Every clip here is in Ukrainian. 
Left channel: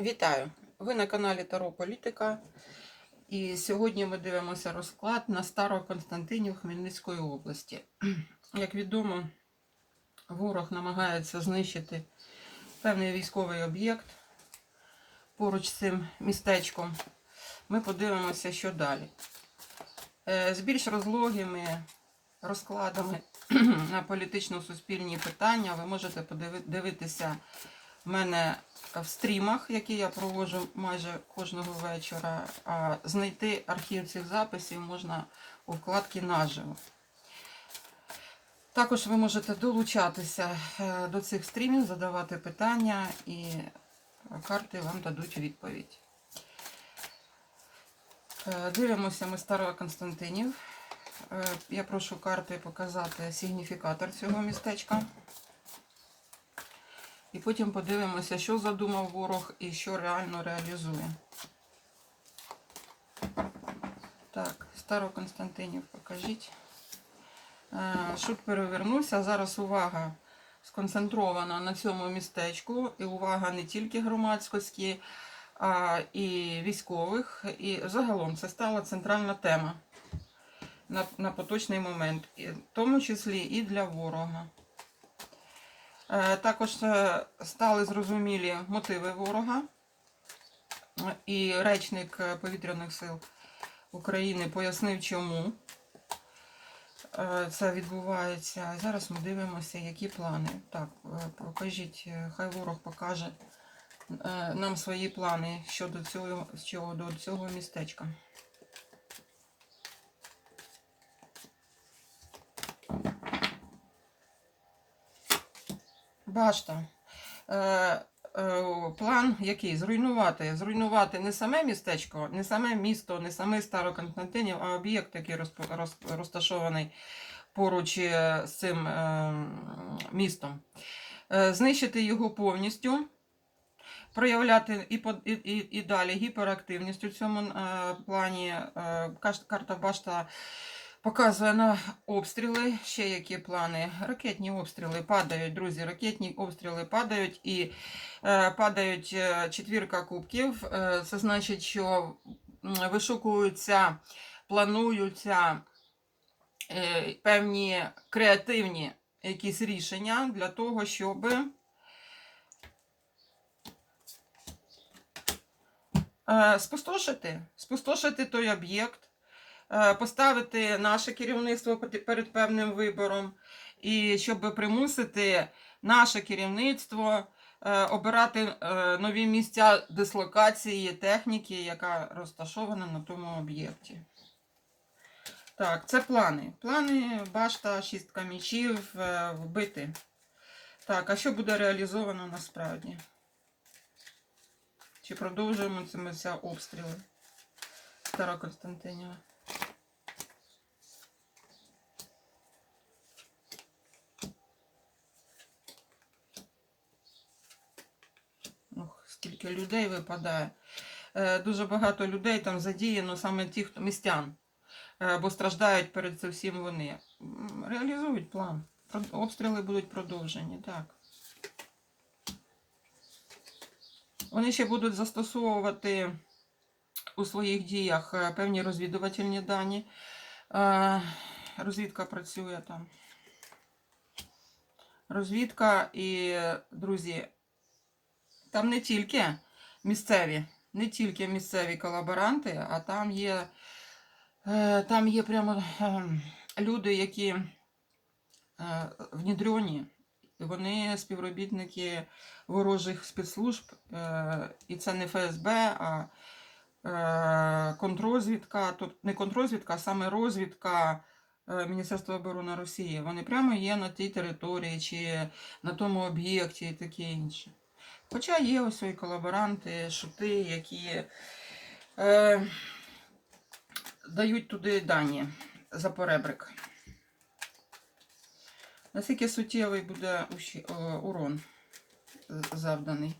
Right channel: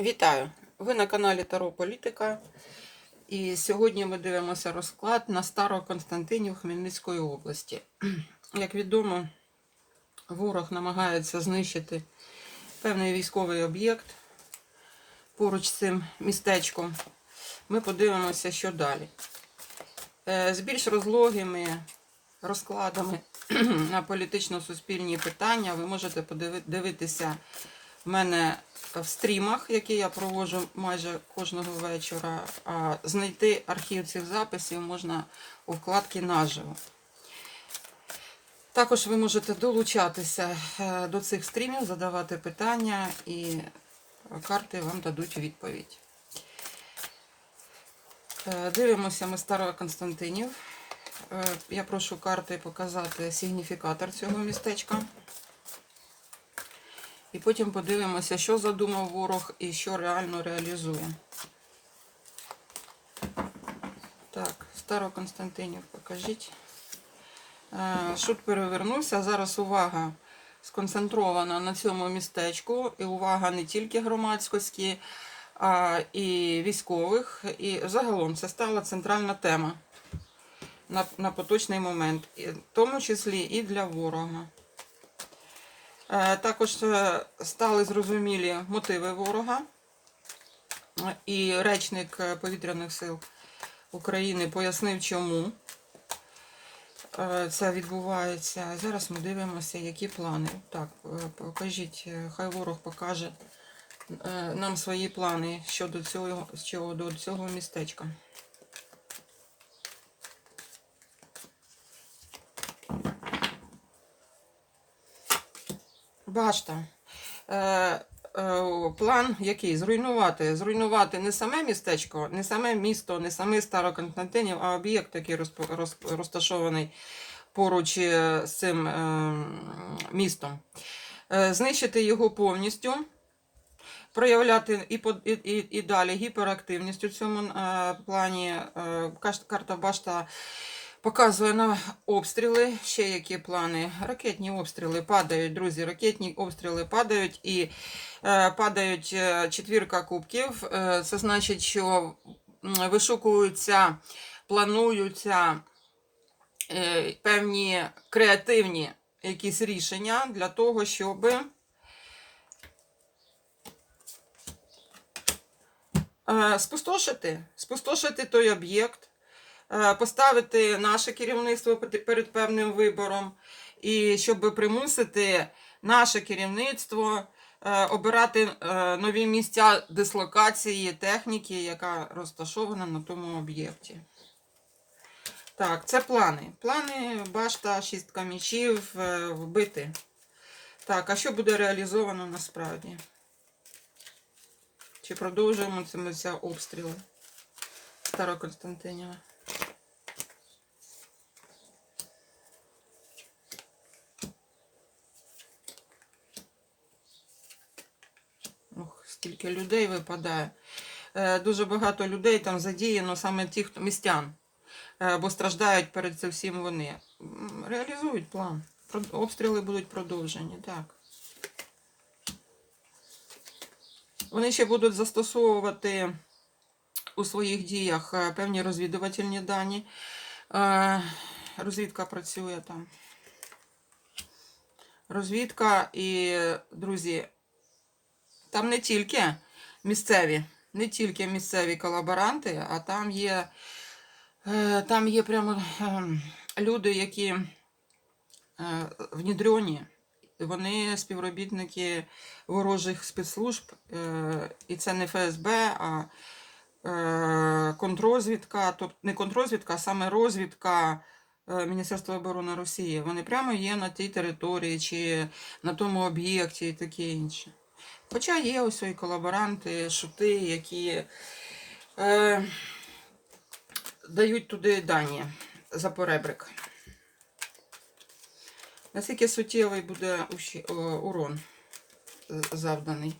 Вітаю! Ви на каналі Таро Політика. І сьогодні ми дивимося розклад на Староконстантинів Хмельницької області. Як відомо, ворог намагається знищити певний військовий об'єкт поруч з цим містечком. Ми подивимося, що далі. Е, З більш розлогими розкладами на політично-суспільні питання ви можете подивитися в мене в стрімах, які я проводжу майже кожного вечора. Знайти архів цих записів можна у вкладці наживо. Також ви можете долучатися е, до цих стрімів, задавати питання, і карти вам дадуть відповідь. Е, Дивимося ми старого Константинів. Е, Я прошу карти показати сигніфікатор цього містечка. І потім подивимося, що задумав ворог і що реально реалізує. Так, Староконстантинів покажіть. Е, Шут перевернувся. Зараз увага сконцентрована на цьому містечку. І увага не тільки громадськості, а і військових. І загалом це стала центральна тема на, на поточний момент, в тому числі і для ворога. Е, Також е, стали зрозумілі мотиви ворога. І речник е, повітряних сил України пояснив, чому це відбувається. Зараз ми дивимося, які плани. Так, покажіть, хай ворог покаже нам свої плани щодо цього, щодо цього містечка. Башта. Е, е, план який? Зруйнувати. Зруйнувати не саме містечко, не саме місто, не саме Староконстантинів, а об'єкт, який розп- роз- розташований поруч е, з цим е, містом. Е, знищити його повністю. Проявляти і, і, і, і далі гіперактивність у цьому е, плані. Е, карта Башта Показує на обстріли. Ще які плани. Ракетні обстріли падають, друзі. Ракетні обстріли падають і е, падають е, четвірка кубків. Е, це значить, що вишукуються, плануються е, певні креативні якісь рішення для того, щоб е, спустошити, спустошити той об'єкт поставити наше керівництво перед певним вибором, і щоб примусити наше керівництво е, обирати е, нові місця дислокації техніки, яка розташована на тому об'єкті. Так, це плани. Плани, башта, шістка мічів, е, вбити. Так, а що буде реалізовано насправді? Чи продовжуємо цими обстріли Староконстантиніва? Скільки людей випадає. Е, Дуже багато людей там задіяно саме ті, хто містян, Е, бо страждають перед цим всім вони. Реалізують план. Обстріли будуть продовжені, так. Вони ще будуть застосовувати у своїх діях е, певні розвідувальні дані. Розвідка працює там. Розвідка і, друзі, там не тільки місцеві, не тільки місцеві колаборанти, а там є, е, там є прямо ем, люди, які е, внідрені. Вони співробітники ворожих спецслужб, е, і це не ФСБ, а контррозвідка, тобто не контррозвідка, а саме розвідка Міністерства оборони Росії. Вони прямо є на тій території чи на тому об'єкті і таке інше. Хоча є ось і колаборанти, шути, які е, дають туди дані за поребрик. Наскільки суттєвий буде урон е, завданий?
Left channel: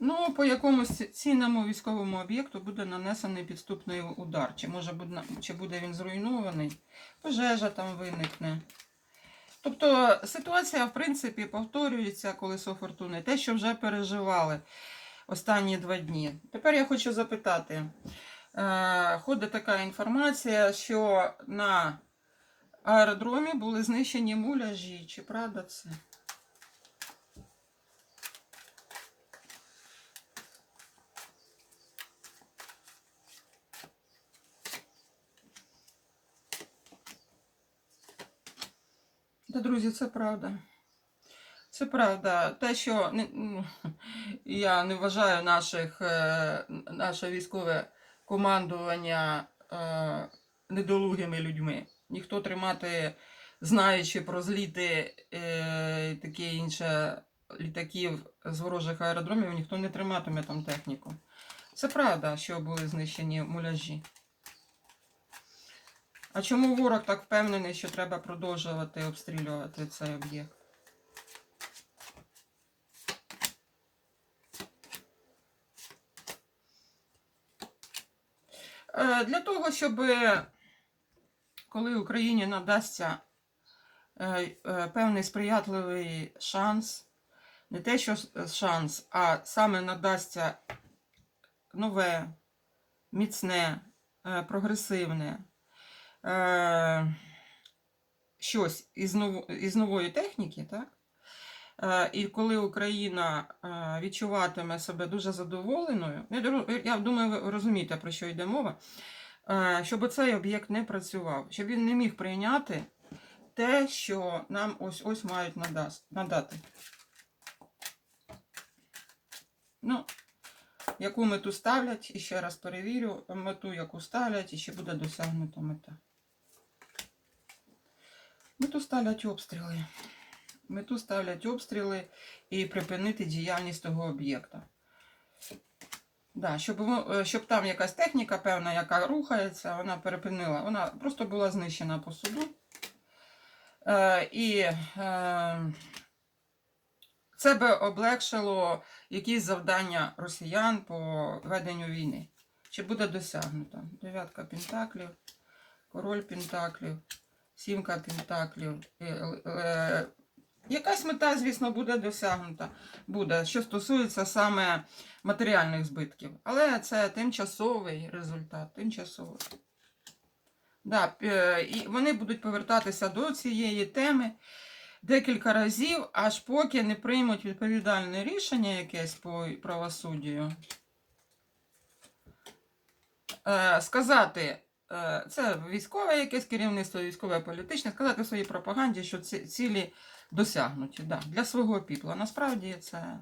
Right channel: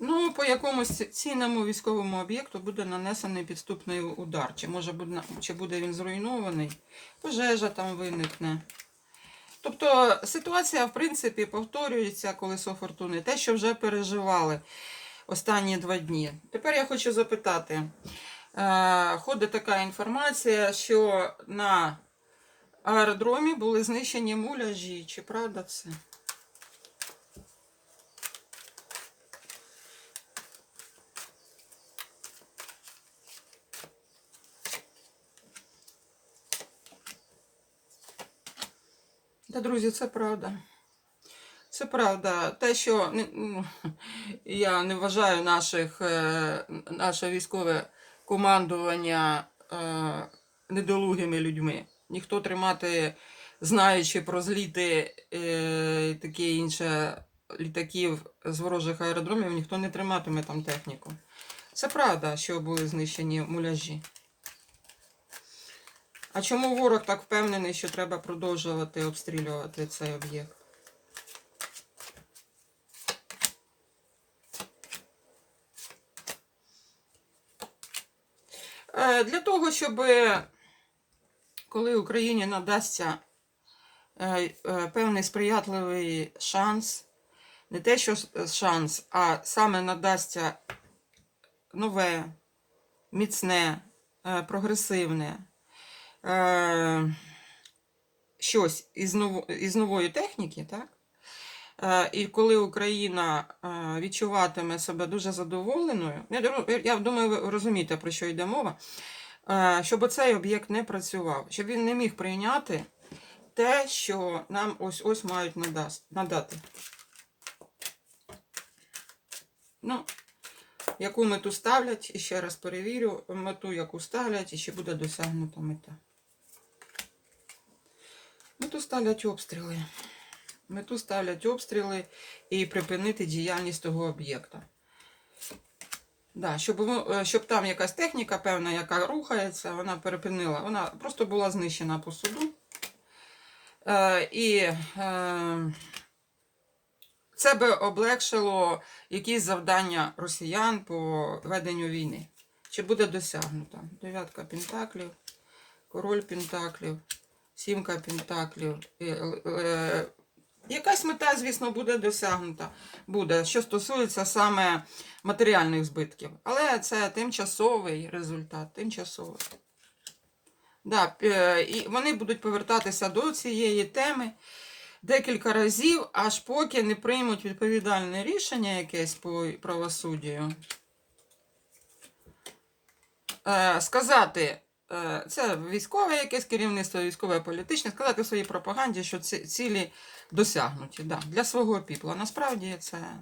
Ну, по якомусь цінному військовому об'єкту буде нанесений підступний удар. Чи може чи буде він зруйнований, пожежа там виникне. Тобто ситуація, в принципі, повторюється колесо фортуни, те, що вже переживали останні два дні. Тепер я хочу запитати: е, ходить така інформація, що на аеродромі були знищені муляжі. Чи правда це? Та, друзі, це правда. Це правда. Те, що ну, я не вважаю наших, е, наше військове командування е, недолугими людьми. Ніхто тримати, знаючи про зліти е, і таке інше літаків з ворожих аеродромів, ніхто не триматиме там техніку. Це правда, що були знищені муляжі. А чому ворог так впевнений, що треба продовжувати обстрілювати цей об'єкт? Е, Для того, щоб коли Україні надасться е, е, певний сприятливий шанс, не те, що шанс, а саме надасться нове, міцне, е, прогресивне е, щось із, ново, із нової техніки, так? Е, І коли Україна е, відчуватиме себе дуже задоволеною, я, я думаю, ви розумієте, про що йде мова, е, щоб цей об'єкт не працював, щоб він не міг прийняти те, що нам ось ось мають надати. Ну, яку мету ставлять, і ще раз перевірю, мету, яку ставлять, і ще буде досягнута мета. Мету ставлять обстріли. Мету ставлять обстріли і припинити діяльність того об'єкта. Да, щоб, е, щоб там якась техніка певна, яка рухається, вона перепинила, вона просто була знищена по суду. Е, і е, це би облегшило якісь завдання росіян по веденню війни. Чи буде досягнуто? Дев'ятка пентаклів, король пентаклів, сімка пентаклів. Е, е, Якась мета, звісно, буде досягнута, буде, що стосується саме матеріальних збитків. Але це тимчасовий результат, тимчасовий. Да, е, і вони будуть повертатися до цієї теми декілька разів, аж поки не приймуть відповідальне рішення якесь по правосуддю. Сказати, це військове якесь керівництво, військове політичне, сказати своїй пропаганді, що ці цілі досягнуті. Да, для свого піпла. Насправді це,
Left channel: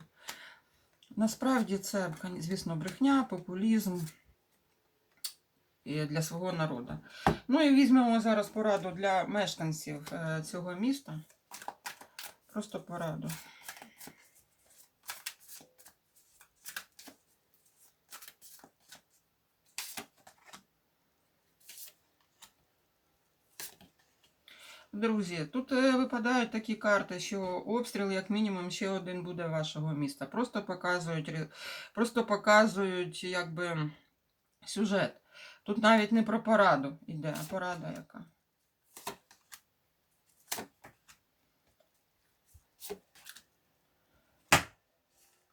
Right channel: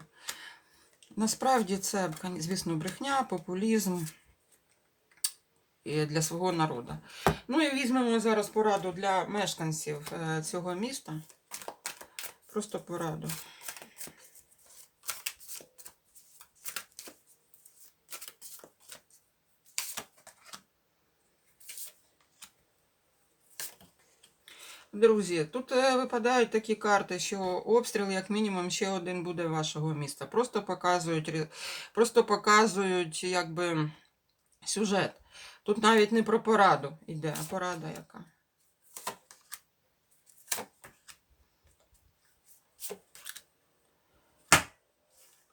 насправді це, звісно, брехня, популізм для свого народу. Ну і візьмемо зараз пораду для мешканців е, цього міста. Просто пораду. Друзі, тут е, випадають такі карти, що обстріл, як мінімум, ще один буде вашого міста. Просто показують, просто показують якби, сюжет. Тут навіть не про пораду йде, а порада яка.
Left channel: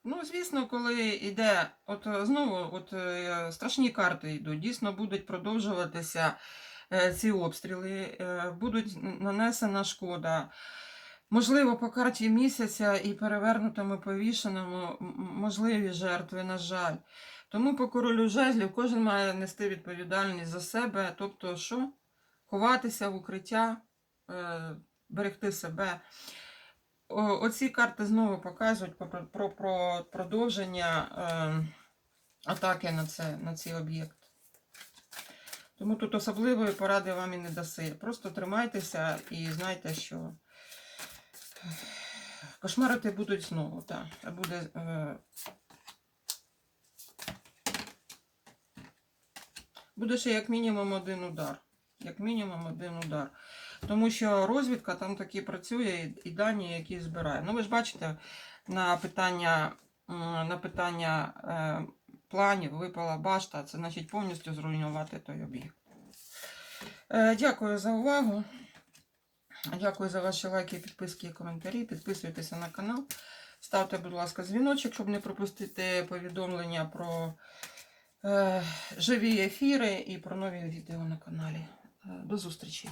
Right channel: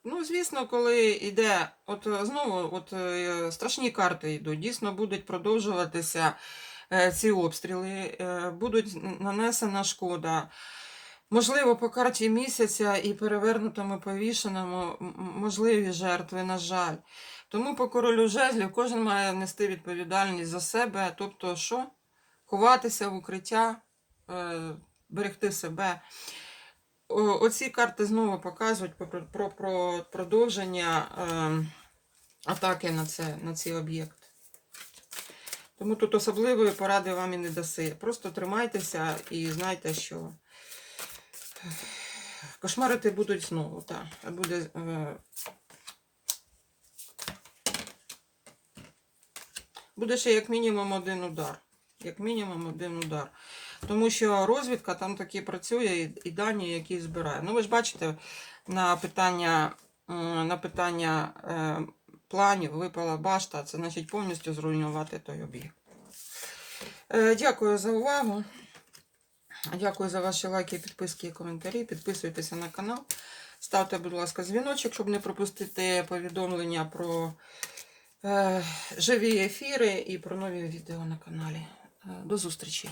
Ну, звісно, коли йде, от знову от, е, страшні карти йдуть, дійсно будуть продовжуватися ці обстріли, е, будуть нанесена шкода. Можливо, по карті місяця і перевернутому повішеному можливі жертви, на жаль. Тому по королю жезлів кожен має нести відповідальність за себе, тобто що? Ховатися в укриття, е, берегти себе. Оці карти знову показують про, про, про, про продовження е, атаки на, це, на цей об'єкт. Тому тут особливої поради вам і не даси. Просто тримайтеся і знайте, що кошмарити будуть знову. Так. Буде, е, буде ще як мінімум один удар. Як мінімум один удар. Тому що розвідка там таки працює і, і дані, які збирає. Ну, ви ж бачите, на питання, на питання е, планів випала башта, це значить повністю зруйнувати той об'єкт. Е, дякую за увагу. Дякую за ваші лайки, підписки і коментарі. Підписуйтеся на канал. Ставте, будь ласка, дзвіночок, щоб не пропустити повідомлення про е, живі ефіри і про нові відео на каналі. Е, До зустрічі!